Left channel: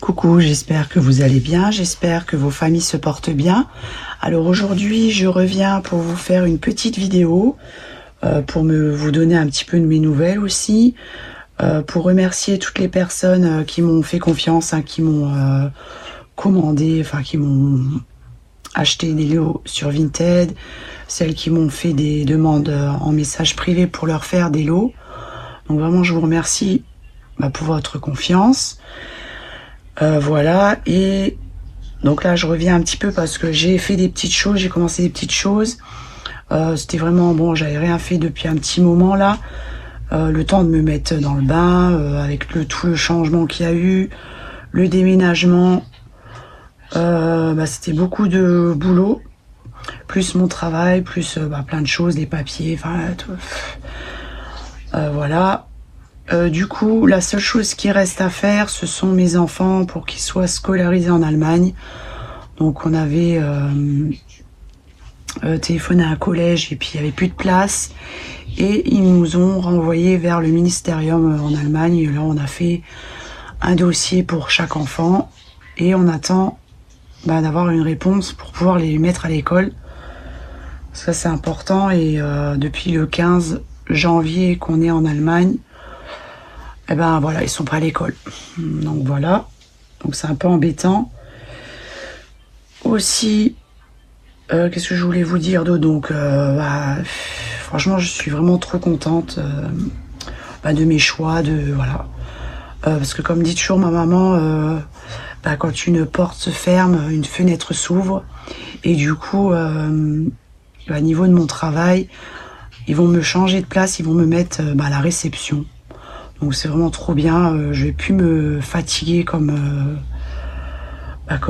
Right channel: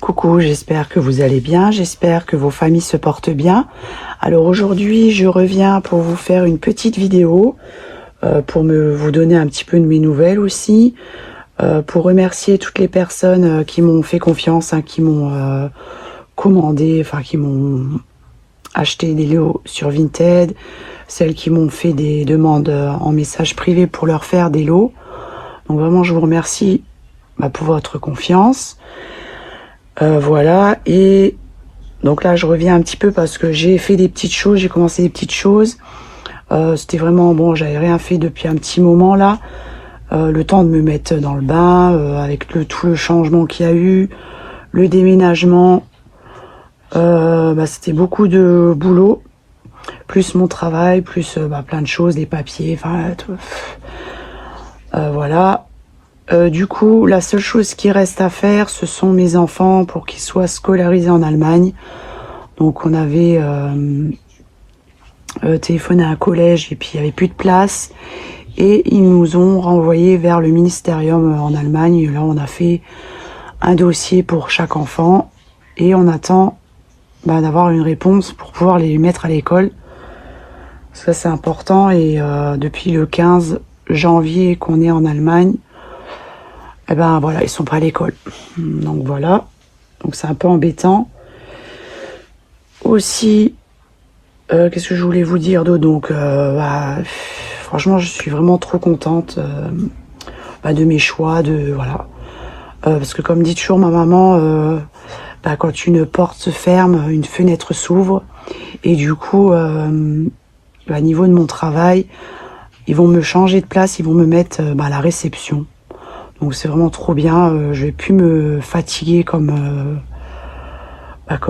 Coucou, j'espère que vous allez bien, j'espère que vos familles se portent bien. Alors aujourd'hui, je reviens pour vous faire une petite vidéo, pour vous donner un petit peu de mes nouvelles aussi, pour remercier toutes les personnes qui m'ont fait confiance, hein, qui m'ont commandé, enfin qui m'ont acheté des lots sur Vinted, celles qui m'ont fait des demandes en message privé pour leur faire des lots. Donc vraiment, je vous remercie pour votre confiance. Voilà, et donc là je reviens un petit peu parce que j'ai fait des petites choses, j'ai commencé des petites choses. C'était vraiment bon, j'avais rien fait depuis un petit moment là. Le temps de me mettre dans le bain, avec tout le changement qu'il y a eu, le déménagement. C'était beaucoup de boulot, plus mon travail, plus plein de choses, les papiers, enfin tout. Voilà. Du coup, la seule chose qui reste à faire, ce sont mes enfants pour qu'ils soient scolarisés en Allemagne. Donc on avait téléphoné à un collège et puis il n'y avait plus de place. Et ils nous ont renvoyés vers le ministérium en Allemagne. Là, on a fait un dossier pour chaque enfant. Et on attend d'avoir une réponse pour pouvoir les mettre à l'école. Ça, c'est important. Et depuis le 15 janvier qu'on est en Allemagne, voilà, ils sont pas à l'école. Donc voilà. Donc c'est un peu embêtant. Aussi, qu'est-ce que je voulais vous dire d'autre? Donc, franchement, je suis vraiment trop contente de mes choix, voilà. Parce que comme dit toujours ma maman, quand une porte se ferme, une fenêtre s'ouvre. Et du coup, à niveau de mon travail, ils vont me changer de place, ils vont me mettre à la réception. Donc c'est vraiment trop bien. Je vais plus me fatiguer comme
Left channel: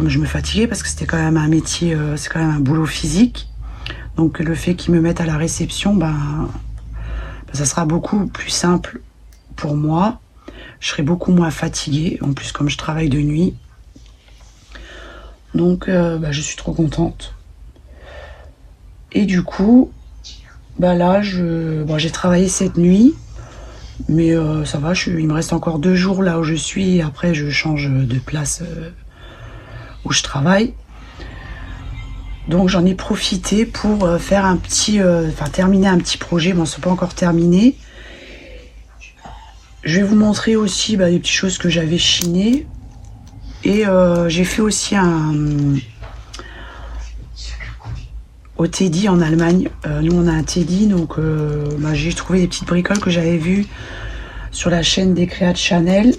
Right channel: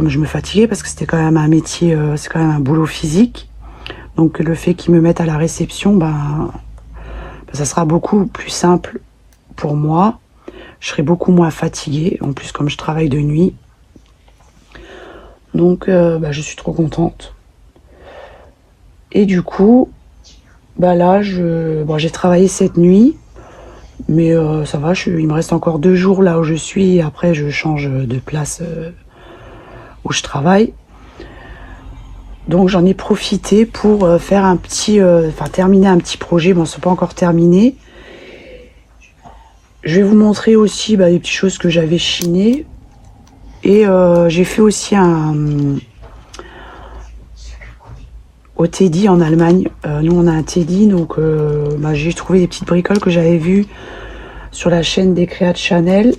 je me fatiguais, parce que c'était quand même un métier, c'est quand même un boulot physique. Donc le fait qu'ils me mettent à la réception, ça sera beaucoup plus simple pour moi. Je serai beaucoup moins fatiguée. En plus, comme je travaille de nuit. Donc je suis trop contente. Et du coup, là, j'ai travaillé cette nuit. Mais ça va, il me reste encore 2 jours là où je suis. Et après, je change de place où je travaille. Donc j'en ai profité pour faire terminer un petit projet. Bon, c'est pas encore terminé. Je vais vous montrer aussi des petites choses que j'avais chinées. Et j'ai fait aussi au Teddy en Allemagne. Nous, on a un Teddy, donc j'ai trouvé des petites bricoles que j'avais vues sur la chaîne des créas de Chanel.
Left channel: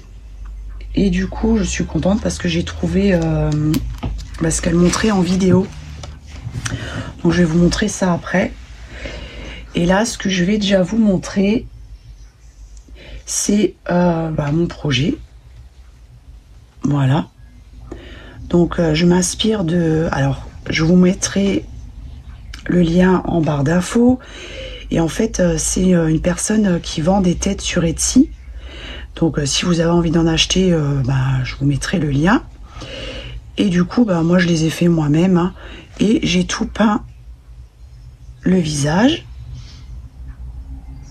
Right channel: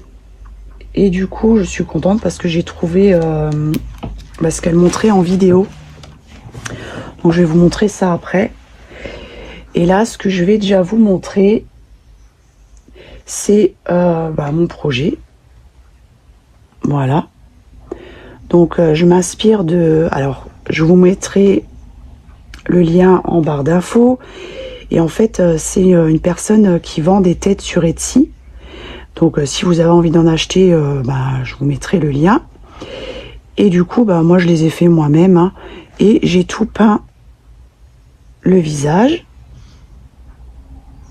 Et du coup, je suis contente parce que j'ai trouvé ce qu'elle montrait en vidéo. Donc, je vais vous montrer ça après. Et là, ce que je vais déjà vous montrer, c'est mon projet. Voilà. Donc, je m'inspire de... Alors, je vous mettrai le lien en barre d'infos. Et en fait, c'est une personne qui vend des têtes sur Etsy. Donc, si vous avez envie d'en acheter, je vous mettrai le lien. Et du coup, moi, je les ai fait moi-même. Hein, et j'ai tout peint le visage.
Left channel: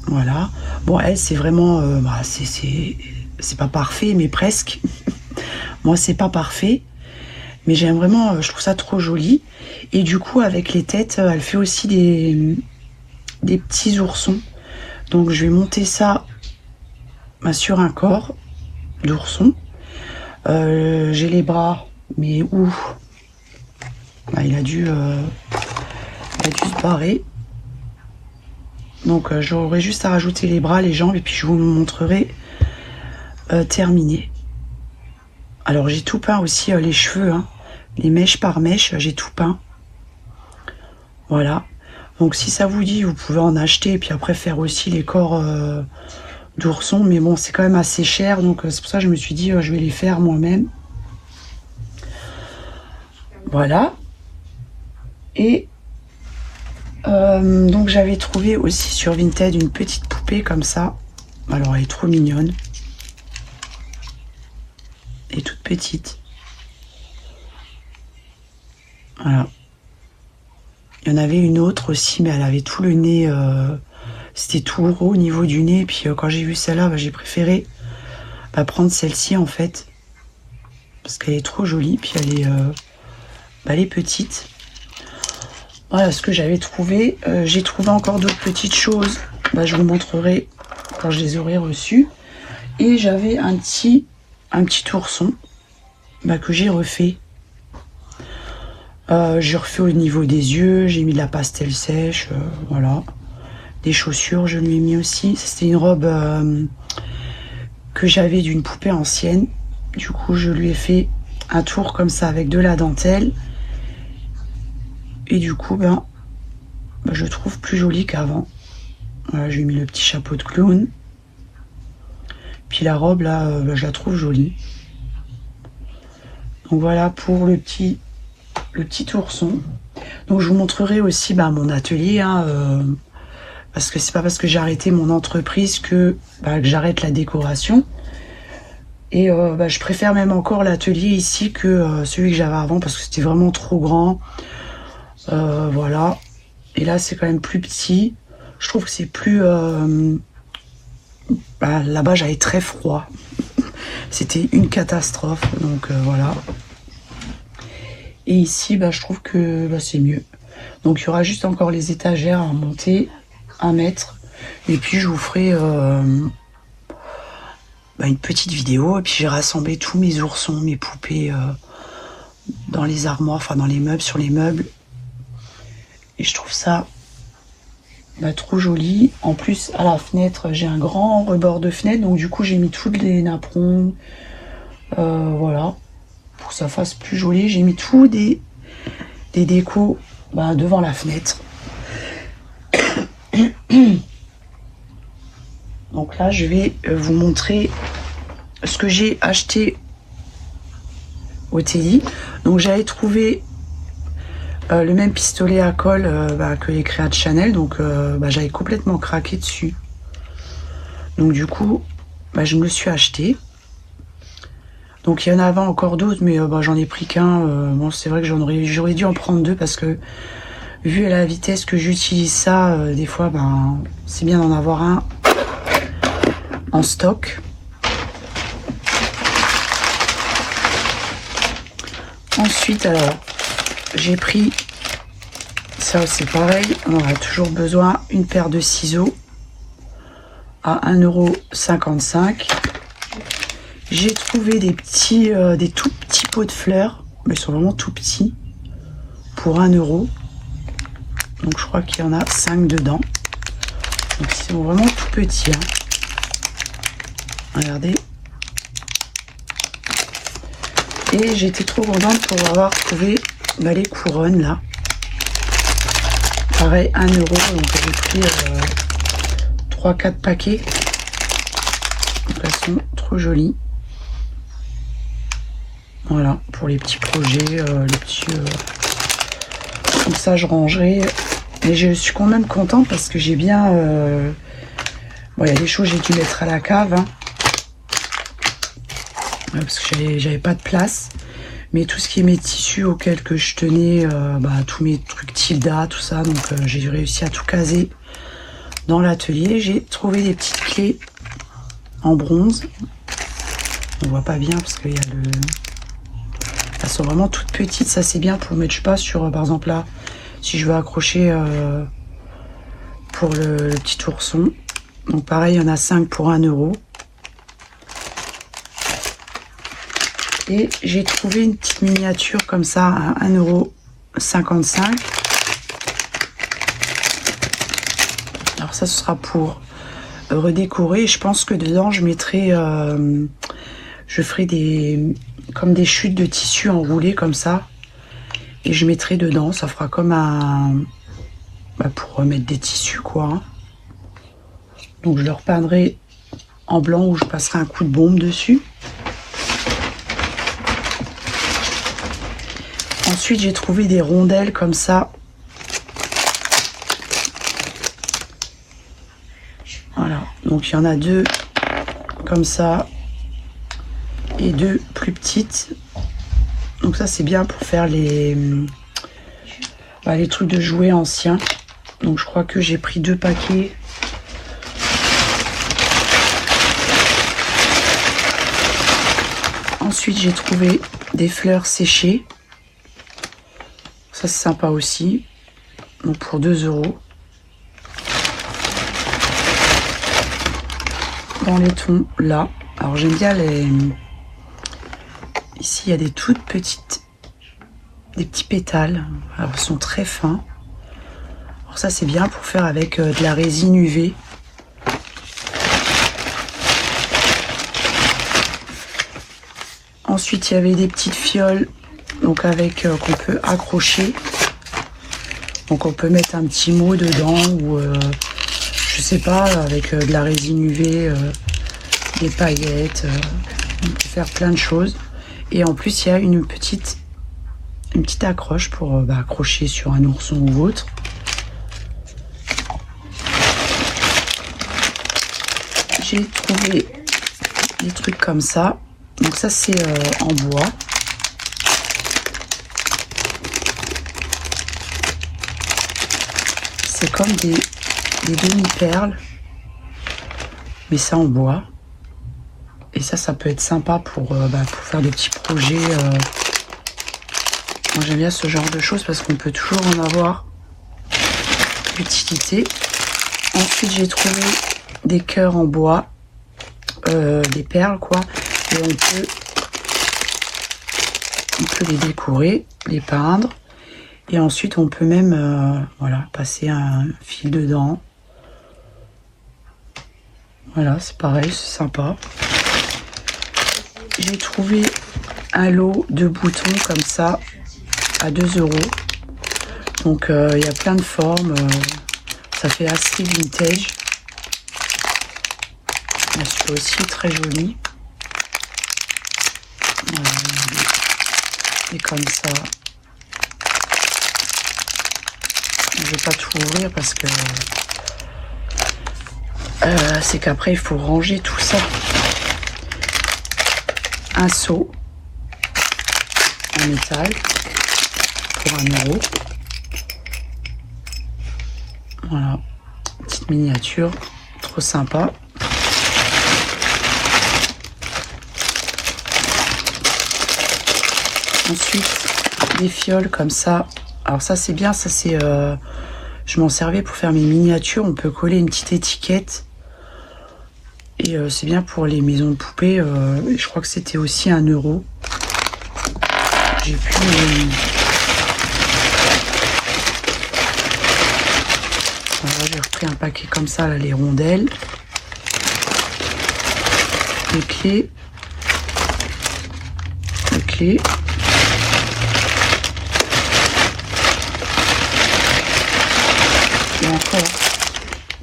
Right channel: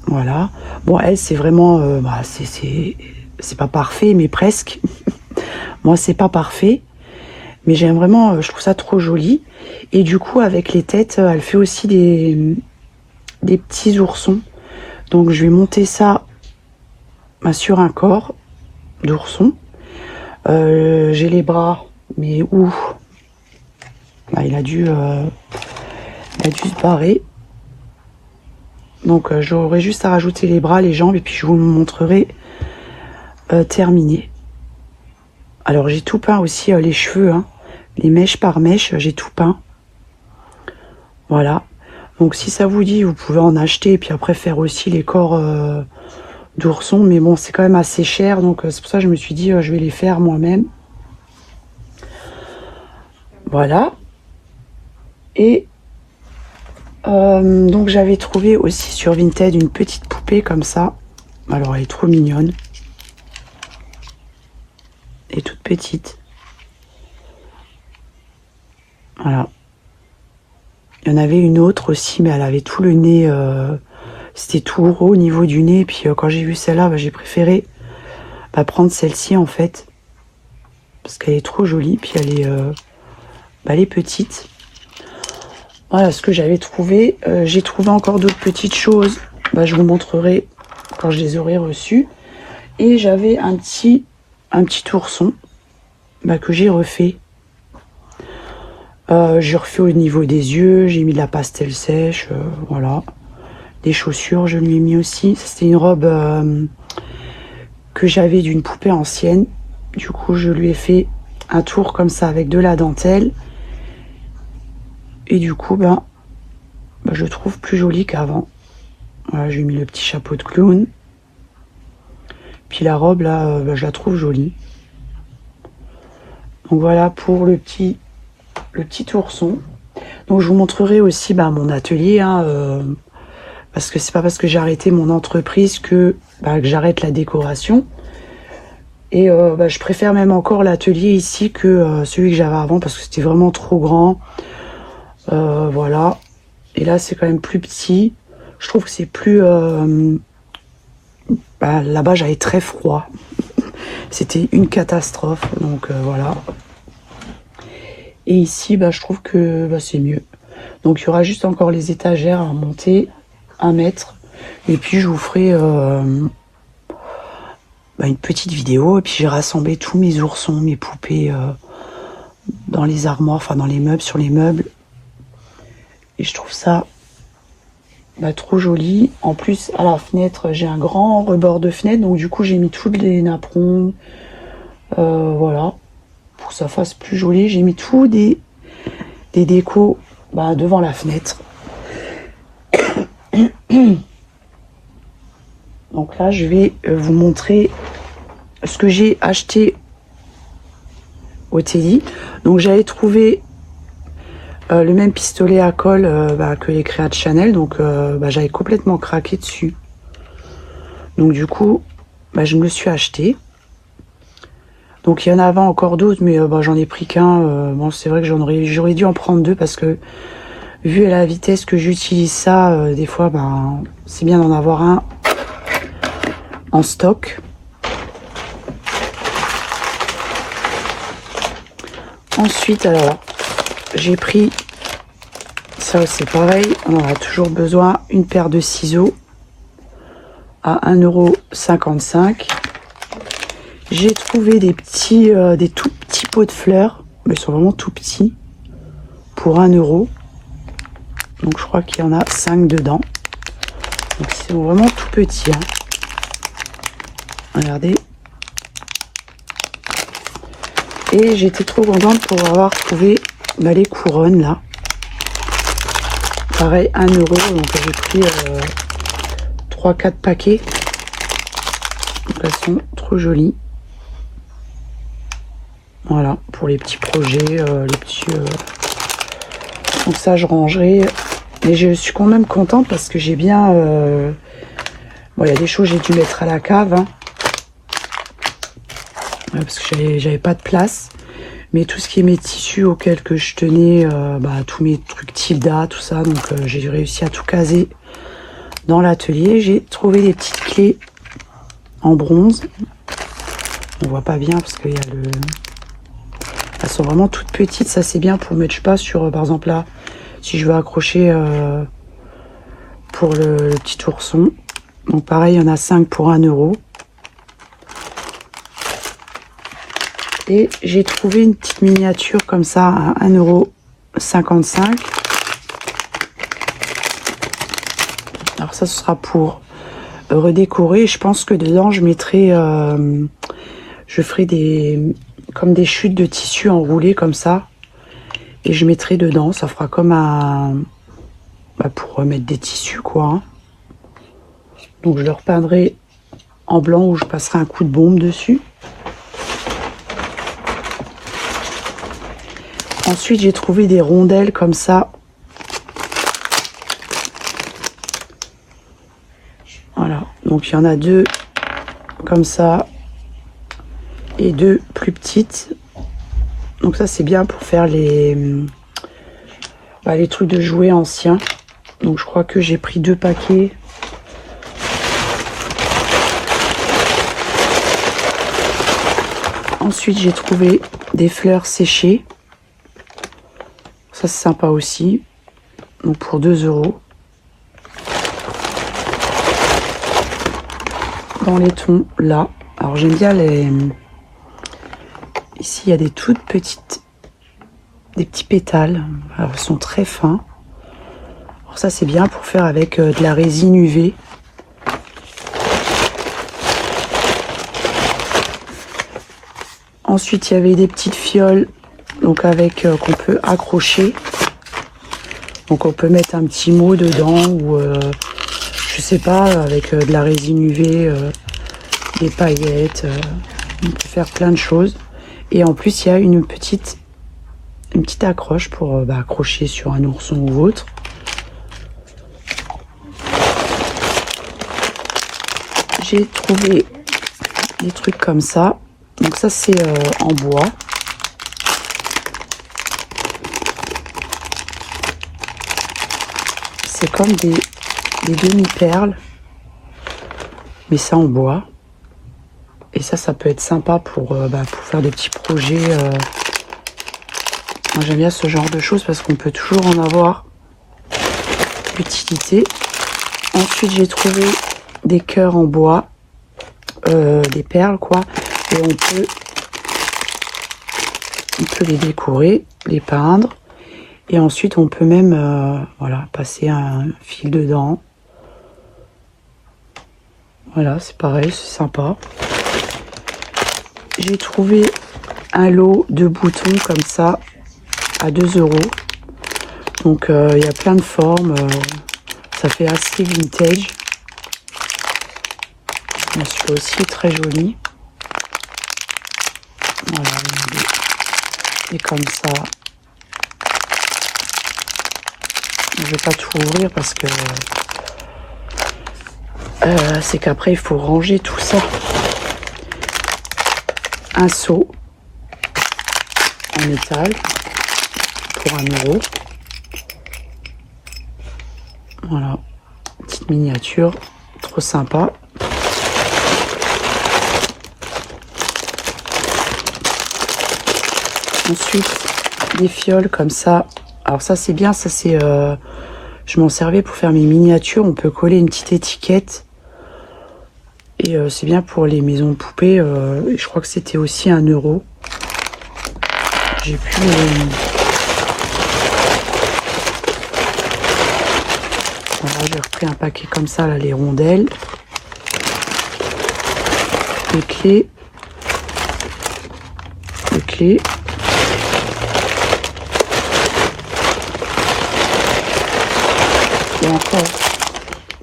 Voilà. Bon, elle, c'est vraiment... c'est pas parfait, mais presque. Moi, c'est pas parfait. Mais j'aime vraiment... je trouve ça trop joli. Et du coup, avec les têtes, elle fait aussi des petits oursons. Donc je vais monter ça sur un corps d'ourson. J'ai les bras, mais où il a dû se barrer. Donc j'aurai juste à rajouter les bras, les jambes, et puis je vous montrerai terminé. Alors j'ai tout peint aussi, les cheveux, hein, les mèches par mèche, j'ai tout peint. Voilà. Donc si ça vous dit, vous pouvez en acheter et puis après faire aussi les corps d'ourson. Mais bon, c'est quand même assez cher. Donc c'est pour ça que je me suis dit, je vais les faire moi-même. Voilà. Et donc j'avais trouvé aussi sur Vinted une petite poupée comme ça. Alors elle est trop mignonne. Et toute petite. Voilà. Il y en avait une autre aussi, mais elle avait tout le nez, c'était tout haut au niveau du nez. Puis quand j'ai vu celle-là, j'ai préféré prendre celle-ci en fait. parce qu'elle est trop jolie, puis elle est petite. Voilà ce que j'avais trouvé. J'ai trouvé encore d'autres petites choses. Je vous montrerai quand je les aurai reçues. Et j'avais un petit ourson que j'ai refait. J'ai refait au niveau des yeux, j'ai mis de la pastel sèche, voilà. Des chaussures, je lui ai mis aussi. C'était une robe que j'avais d'une poupée ancienne. Du coup, je lui ai fait un tour comme ça avec de la dentelle. Et du coup, je trouve plus joli qu'avant. Voilà, j'ai mis le petit chapeau de clown. Puis la robe, là, je la trouve jolie. Donc voilà pour le petit ourson. Donc je vous montrerai aussi mon atelier, parce que c'est pas parce que j'ai arrêté mon entreprise que j'arrête la décoration. Et je préfère même encore l'atelier ici que celui que j'avais avant, parce que c'était vraiment trop grand. Voilà. Et là c'est quand même plus petit. Je trouve que c'est plus... là-bas j'avais très froid. C'était une catastrophe. Donc voilà. Et ici, je trouve que c'est mieux. Donc il y aura juste encore les étagères à monter, à mettre. Et puis je vous ferai une petite vidéo. Et puis j'ai rassemblé tous mes oursons, mes poupées dans les armoires, enfin dans les meubles, sur les meubles. Et je trouve ça trop joli. En plus, à la fenêtre, j'ai un grand rebord de fenêtre. Donc du coup, j'ai mis tous les napperons. Voilà. Pour que ça fasse plus joli, j'ai mis tout des décos devant la fenêtre. Donc là je vais vous montrer ce que j'ai acheté au Teddy. Donc j'avais trouvé le même pistolet à colle que les créas de Chanel, donc j'avais complètement craqué dessus. Donc du coup je me le suis acheté. Donc il y en avait encore d'autres, mais j'en ai pris qu'un. Bon, c'est vrai que j'aurais dû en prendre deux, parce que vu à la vitesse que j'utilise ça, des fois c'est bien d'en avoir un en stock. Ensuite, alors j'ai pris ça, c'est pareil, on aura toujours besoin, une paire de ciseaux à 1,55 €. J'ai trouvé des tout petits pots de fleurs, mais ils sont vraiment tout petits, pour 1 €. Donc je crois qu'il y en a 5 dedans. Donc ils sont vraiment tout petits. Regardez. Et j'étais trop contente pour avoir trouvé les couronnes là. Pareil, 1 €. Donc j'ai pris 3-4 paquets. Donc elles sont trop jolies. Voilà, pour les petits projets, les petits... Donc ça, je rangerai. Mais je suis quand même contente parce que j'ai bien... Bon, il y a des choses que j'ai dû mettre à la cave. Parce que j'avais pas de place. Mais tout ce qui est mes tissus auxquels que je tenais, tous mes trucs Tilda, tout ça. Donc j'ai réussi à tout caser dans l'atelier. J'ai trouvé des petites clés en bronze. On voit pas bien parce qu'il y a le... Elles sont vraiment toutes petites, ça c'est bien pour mettre, je sais pas, sur, par exemple là, si je veux accrocher pour le petit ourson. Donc pareil, il y en a 5 pour 1 €. Et j'ai trouvé une petite miniature comme ça à 1,55 €. Alors ça, ce sera pour redécorer. Je pense que dedans, je mettrai, je ferai comme des chutes de tissu enroulées comme ça, et je mettrai dedans, ça fera comme un pour mettre des tissus quoi. Donc je le repeindrai en blanc, ou je passerai un coup de bombe dessus. Ensuite j'ai trouvé des rondelles comme ça. Voilà, donc il y en a 2 comme ça et 2 plus petites. Donc ça c'est bien pour faire les trucs de jouets anciens. Donc je crois que j'ai pris 2 paquets. Ensuite, j'ai trouvé des fleurs séchées. Ça, c'est sympa aussi. Donc, pour 2 €. Dans les tons, là. Alors, j'aime bien les... Ici, il y a des toutes petites... Des petits pétales. Alors, ils sont très fins. Alors, ça, c'est bien pour faire avec de la résine UV. Ensuite, il y avait des petites fioles, donc avec qu'on peut accrocher. Donc on peut mettre un petit mot dedans ou je sais pas, avec de la résine UV, des paillettes. On peut faire plein de choses. Et en plus, il y a une petite accroche pour accrocher sur un ourson ou autre. J'ai trouvé des trucs comme ça. Donc ça c'est en bois. C'est comme des demi-perles, mais ça en bois. Et ça peut être sympa pour faire des petits projets. Moi j'aime bien ce genre de choses parce qu'on peut toujours en avoir utilité. Ensuite j'ai trouvé des cœurs en bois, des perles quoi. Et on peut les décorer, les peindre. Et ensuite, on peut même voilà, passer un fil dedans. Voilà, c'est pareil, c'est sympa. J'ai trouvé un lot de boutons comme ça à 2 €. Donc, il y a plein de formes. Ça fait assez vintage. C'est aussi très joli. Voilà, et comme ça, je vais pas tout ouvrir parce que c'est qu'après il faut ranger tout ça. Un seau en métal pour 1 €. Voilà, petite miniature, trop sympa. Ensuite, des fioles comme ça. Alors ça c'est bien, ça c'est... je m'en servais pour faire mes miniatures. On peut coller une petite étiquette. Et c'est bien pour les maisons de poupées. Je crois que c'était aussi 1 €. J'ai pu... Voilà, j'ai repris un paquet comme ça, là, les rondelles. Les clés. Les clés.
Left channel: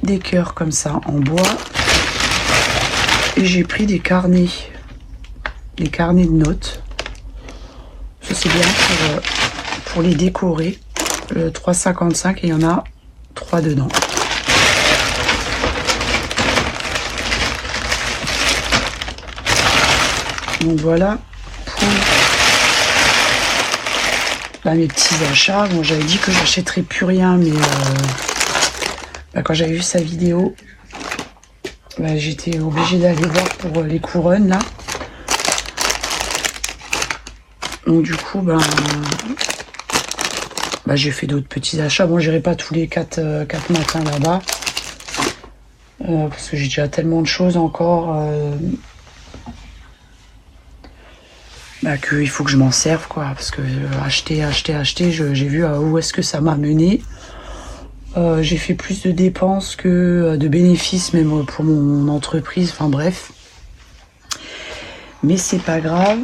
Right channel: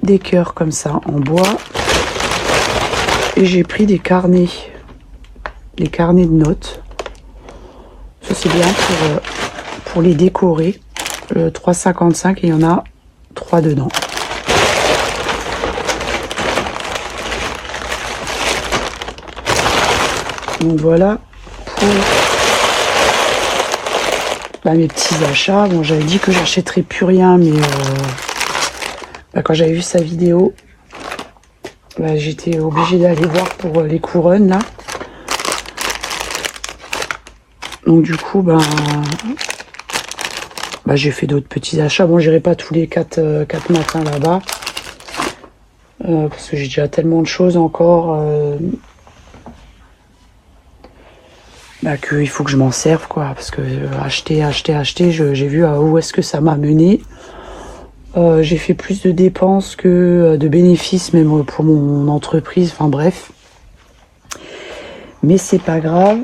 Des cœurs comme ça en bois. Et j'ai pris des carnets de notes. Ça c'est bien pour les décorer. 3,55 et il y en a 3 dedans. Donc voilà pour mes petits achats. Bon, j'avais dit que j'achèterais plus rien, mais quand j'avais vu sa vidéo, j'étais obligée d'aller voir pour les couronnes là. Donc du coup, j'ai fait d'autres petits achats. Bon, j'irai pas tous les 4 matins là-bas. Parce que j'ai déjà tellement de choses encore. Qu'il faut que je m'en serve, quoi. Parce que acheter, j'ai vu où est-ce que ça m'a mené. J'ai fait plus de dépenses que de bénéfices, même pour mon entreprise. Enfin bref. Mais c'est pas grave.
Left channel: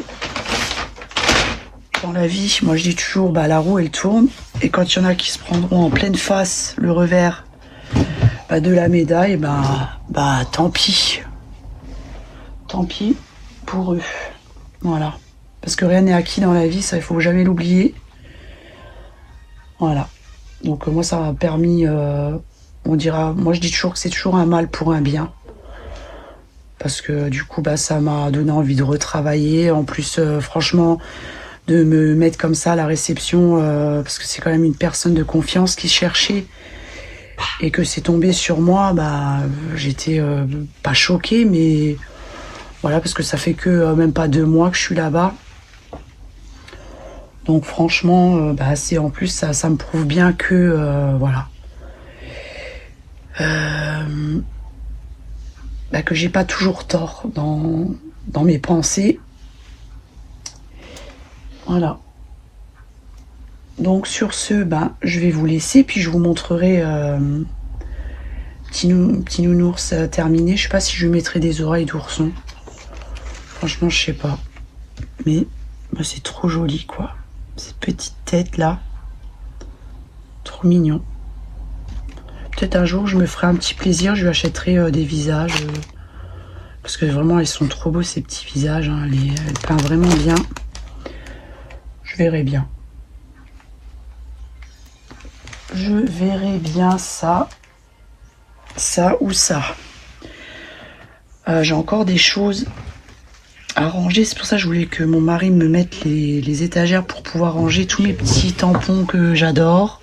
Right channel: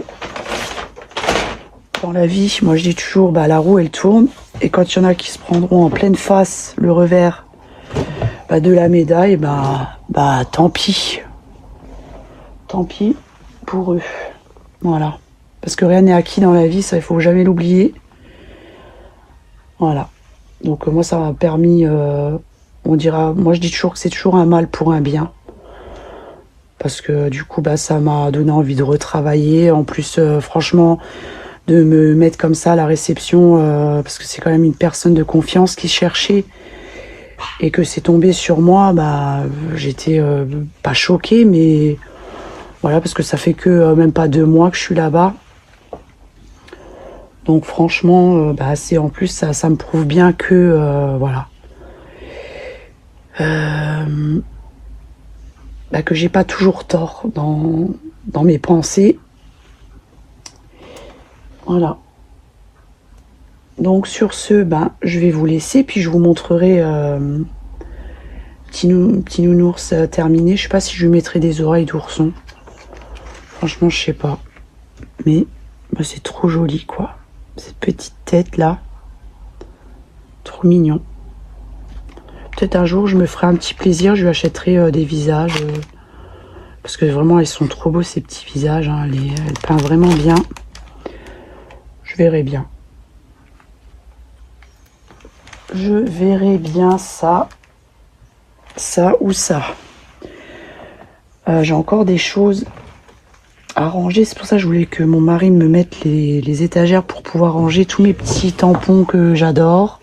Dans la vie, moi je dis toujours, la roue elle tourne. Et quand il y en a qui se prendront en pleine face le revers de la médaille, tant pis. Tant pis pour eux. Voilà. Parce que rien n'est acquis dans la vie, ça il faut jamais l'oublier. Voilà. Donc moi ça m'a permis, on dira, moi je dis toujours que c'est toujours un mal pour un bien. Parce que du coup ça m'a donné envie de retravailler. En plus franchement, de me mettre comme ça à la réception, parce que c'est quand même une personne de confiance qui cherchait. Et que c'est tombé sur moi, j'étais pas choquée, mais Voilà, parce que ça fait que même pas 2 mois que je suis là-bas. Donc franchement, bah, c'est en plus ça me prouve bien que voilà, bah, que j'ai pas toujours tort dans mes pensées. Voilà. Donc sur ce, bah, je vais vous laisser, puis je vous montrerai petit nounours terminé. Je sais pas si je lui mettrai des oreilles d'ourson. Franchement, je sais pas. Mais bah, c'est trop joli, quoi. Cette petite tête là. Trop mignon. Peut-être un jour, je me ferai un petit plaisir. Je lui achèterai des visages. Parce que vraiment, ils sont trop beaux, ces petits visages. Hein. Elle peint vraiment bien. Je verrai bien. Je verrai bien ça. Ça ou ça. J'ai encore des choses à ranger. C'est pour ça que je voulais que mon mari me mette les étagères pour pouvoir ranger tous mes petits tampons que j'adore.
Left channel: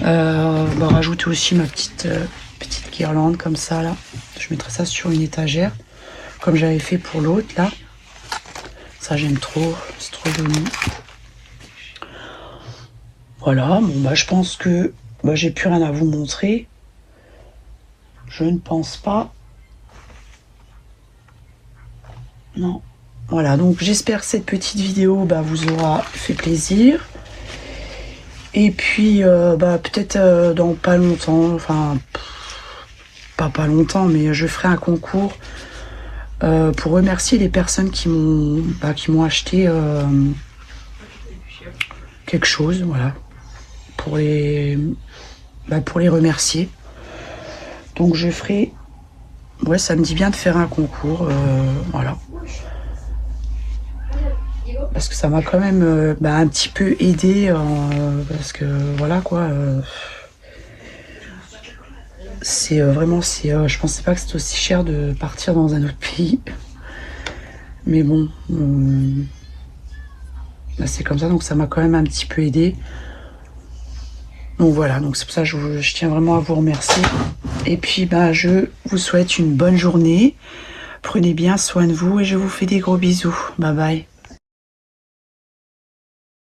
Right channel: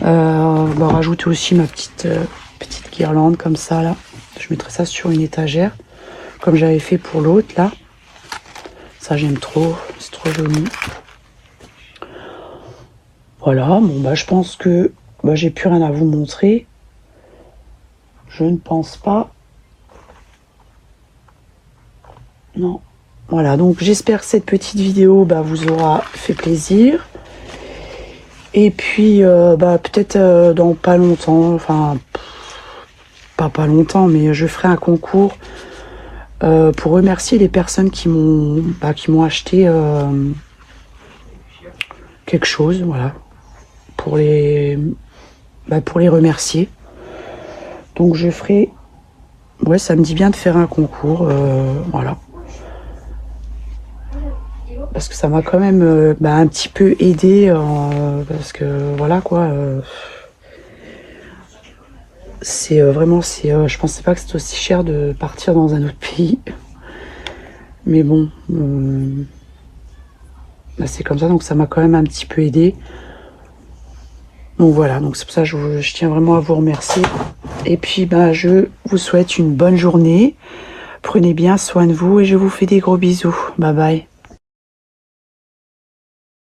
Bah, rajouter aussi ma petite guirlande comme ça là. Je mettrai ça sur une étagère comme j'avais fait pour l'autre là. Ça j'aime trop, c'est trop joli. Voilà, bon bah je pense que bah, j'ai plus rien à vous montrer. Je ne pense pas. Non. Voilà, donc j'espère que cette petite vidéo bah, vous aura fait plaisir. Et puis bah, peut-être dans pas longtemps, enfin pas longtemps, mais je ferai un concours pour remercier les personnes qui m'ont acheté quelque chose, voilà, pour les remercier. Donc je ferai, ouais, ça me dit bien de faire un concours, voilà. Parce que ça m'a quand même un petit peu aidé, parce que voilà quoi. C'est vraiment, je pensais pas que c'était aussi cher de partir dans un autre pays. Mais bon, bah c'est comme ça, donc ça m'a quand même un petit peu aidé. Donc voilà, donc c'est pour ça que je tiens vraiment à vous remercier. Et puis bah, je vous souhaite une bonne journée. Prenez bien soin de vous et je vous fais des gros bisous. Bye bye.